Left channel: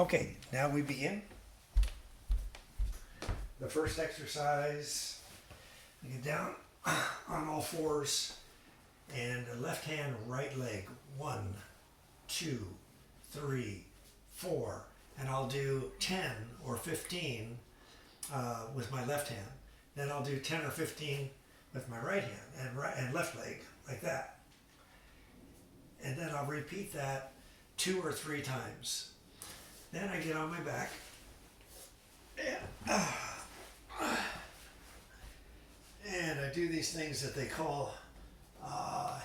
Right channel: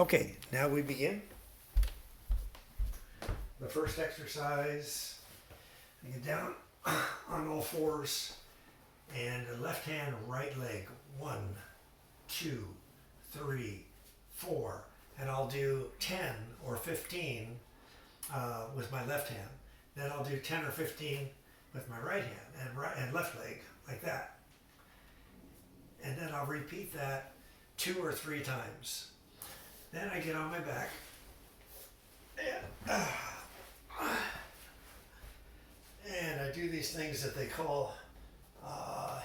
Okay, now we begin. The first exercise, you get down on all fours and the left hand, right leg. 1, 2, 3, 4. And I'll do 10 or 15 with my left hand. Then I'll do 10 or 15 with my right hand and left leg, like that. And then I'll repeat that 2 or 3 times. Then I get on my back and I do these things that they call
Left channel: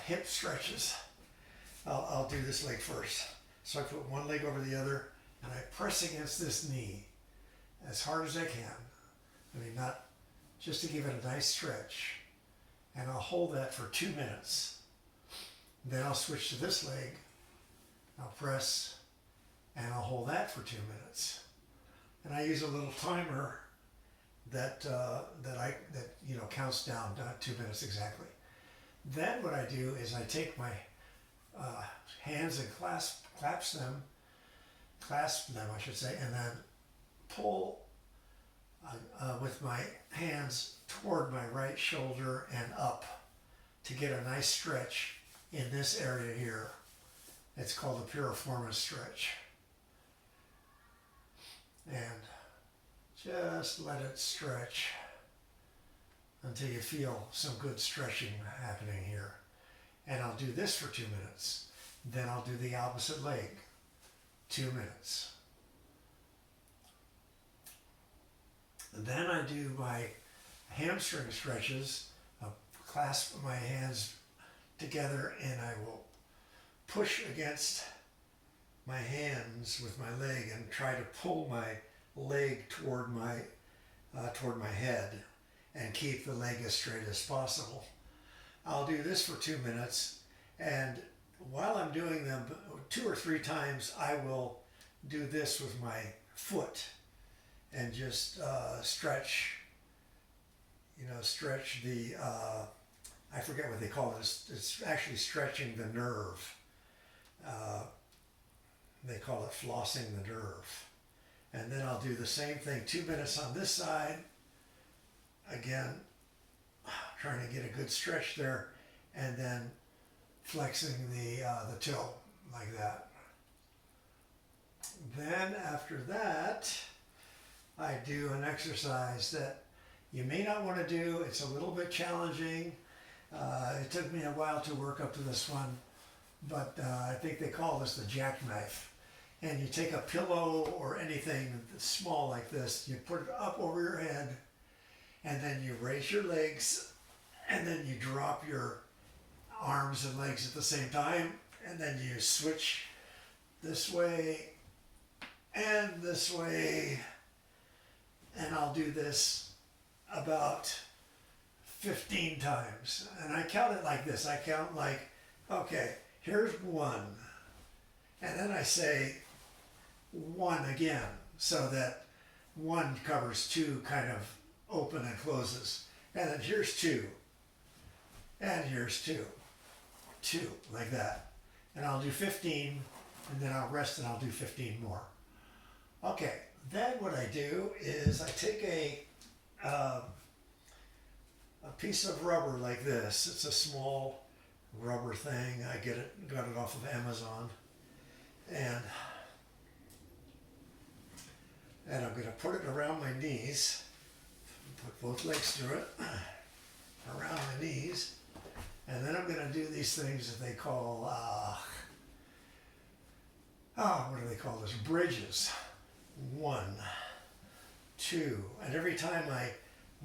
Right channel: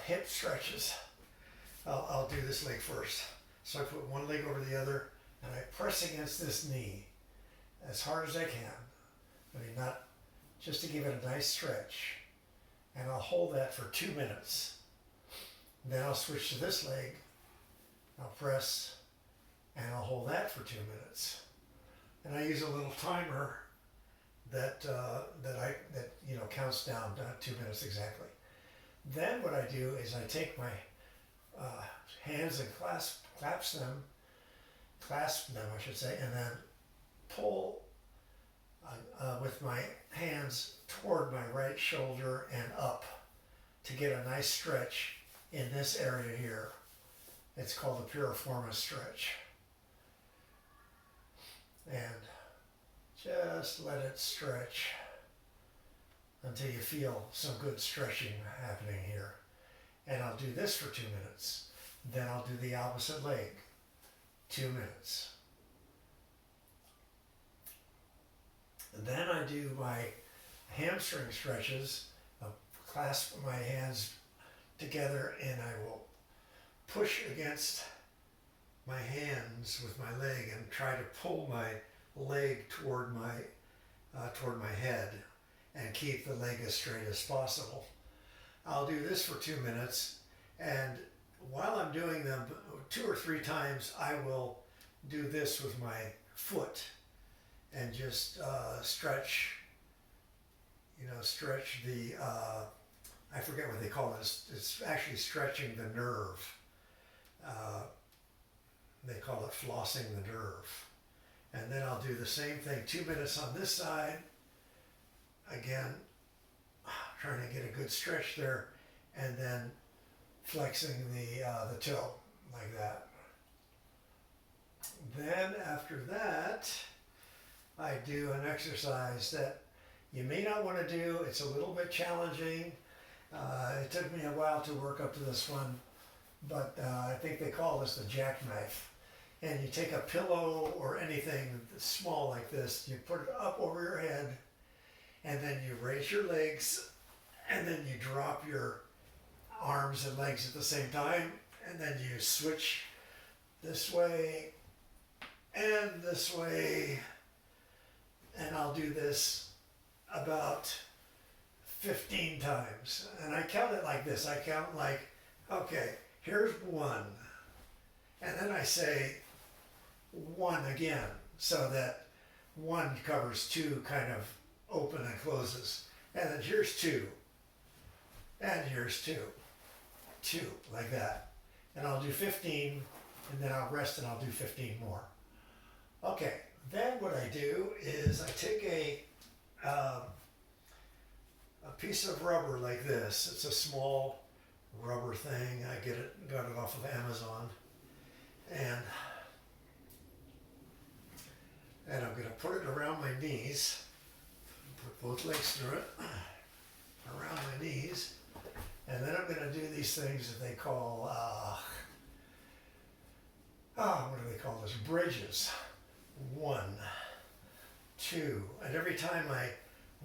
hip stretches. I'll do this leg first. So I put one leg over the other and I press against this knee as hard as I can. I mean, not just to give it a nice stretch. And I'll hold that for 2 minutes. Then I'll switch to this leg. I'll press and I'll hold that for 2 minutes. And I use a little timer that counts down 2 minutes exactly. Then what I do is I take my hands and clasp them, I should say, and then pull with my hands toward my right shoulder and up to get a nice stretch in this area here. It's called the piriformis stretch. And just let it stretch until you feel some good stretching happening here. And I'll do this for 2 minutes. Then I'll do the opposite leg, 2 minutes. And then I do my hamstring stretches. I'll clasp my hands together and I will push against my hands with my leg and try to pull my leg toward my head and keep the leg as straight as possible. I'll do this for 2 minutes, and while I'm doing them 2 or 3 times, I will do this with my foot and just stretch the, I forget what they call it. It's actually stretching the nerve. They call it flossing the nerve. And then I'll do the same thing, 2 minutes on this side. Again, trying to get a good stretch there, and then flexing the toe like that. Then after that, I do an exercise that you may not want to do. It's a little bit challenging. It took me a while to work up to this one, but I think they call this the jackknife. And you take a pillow or anything small like this, you put it up over your head, and then you raise your legs, and then you drop your arms and legs at the same time, and then you switch this way and this way, and I'll do this about 15 times. And I count it like this. I count like, okay, here's 1, and then I say 1 again, so that 1 covers 2 kind of open and closes. And then here's 2, and here's 2, like that. And I'll do 15, and then I'll rest and I'll do 15 more. Okay, then what I do is I take a piece of rubber like this. It's a small rubber thing. I got it off of Amazon. And I'm going to put it around my knees, put both legs through it, around my knees, and then I'm going to do these things that they call, what do they call this? Bridges. 1, 2, and every time I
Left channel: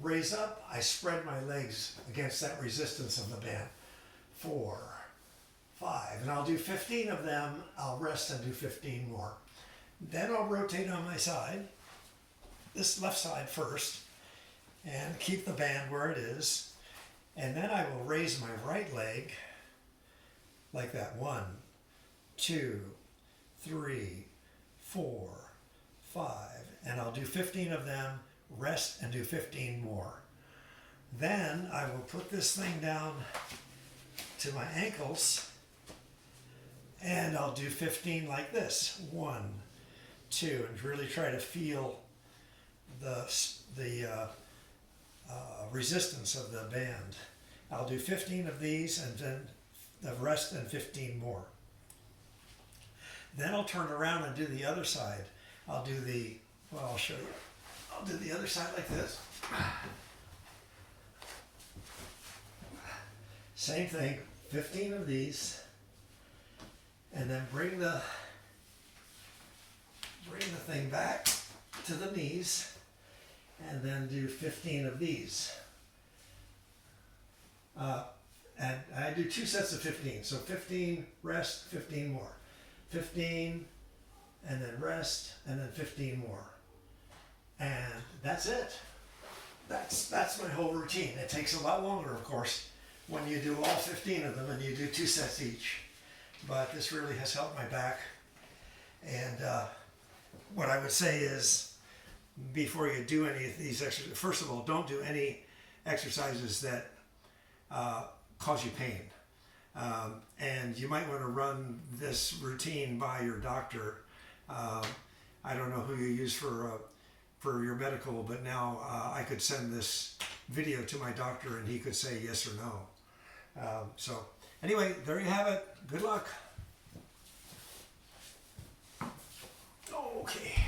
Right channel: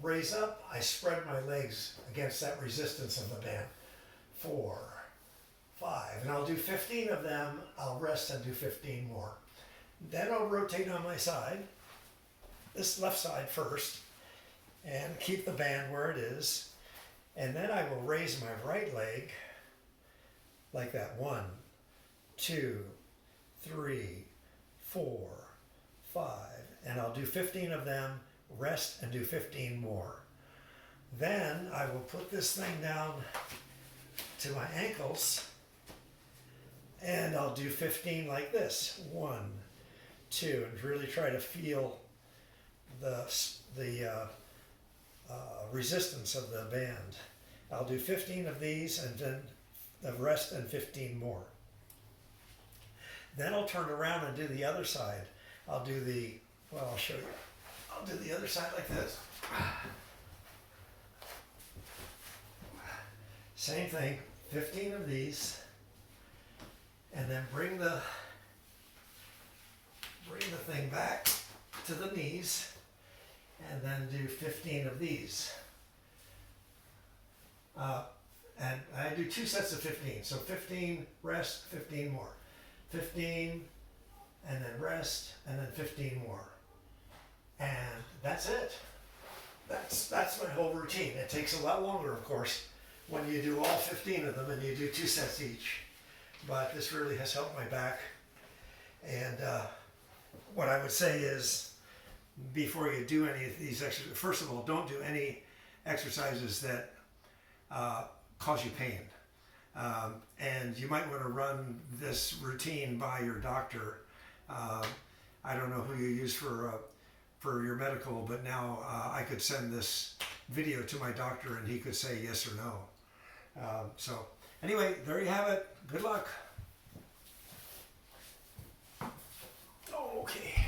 raise up, I spread my legs against that resistance of the band. 4, 5, and I'll do 15 of them. I'll rest and do 15 more. Then I'll rotate on my side, this left side first, and keep the band where it is. And then I will raise my right leg like that. 1, 2, 3, 4, 5, and I'll do 15 of them, rest and do 15 more. Then I will put this thing down to my ankles, and I'll do 15 like this. 1, too, and really try to feel the resistance of the band. I'll do 15 of these and then the rest and 15 more. Then I'll turn around and do the other side. I'll do the, well, I'll show you. I'll do the other side like this. Same thing, 15 of these, and then bring the thing back to the knees, and then do 15 of these. And I do 2 sets of 15, so 15, rest, 15 more. 15, and then rest, and then 15 more. And that's it. That's my whole routine. It takes a lot longer, of course, when you do all 15 of them and you do 2 sets each. But this really has helped my back. And what I would say is, before you do any of these exercises, first of all, don't do any exercises that cause you pain. And you might want to run this routine by your doctor. I don't know who you use for your medical, but now I could send this video to my doctor and he could say yes or no. So anyway, there you have it. Good luck. Okay.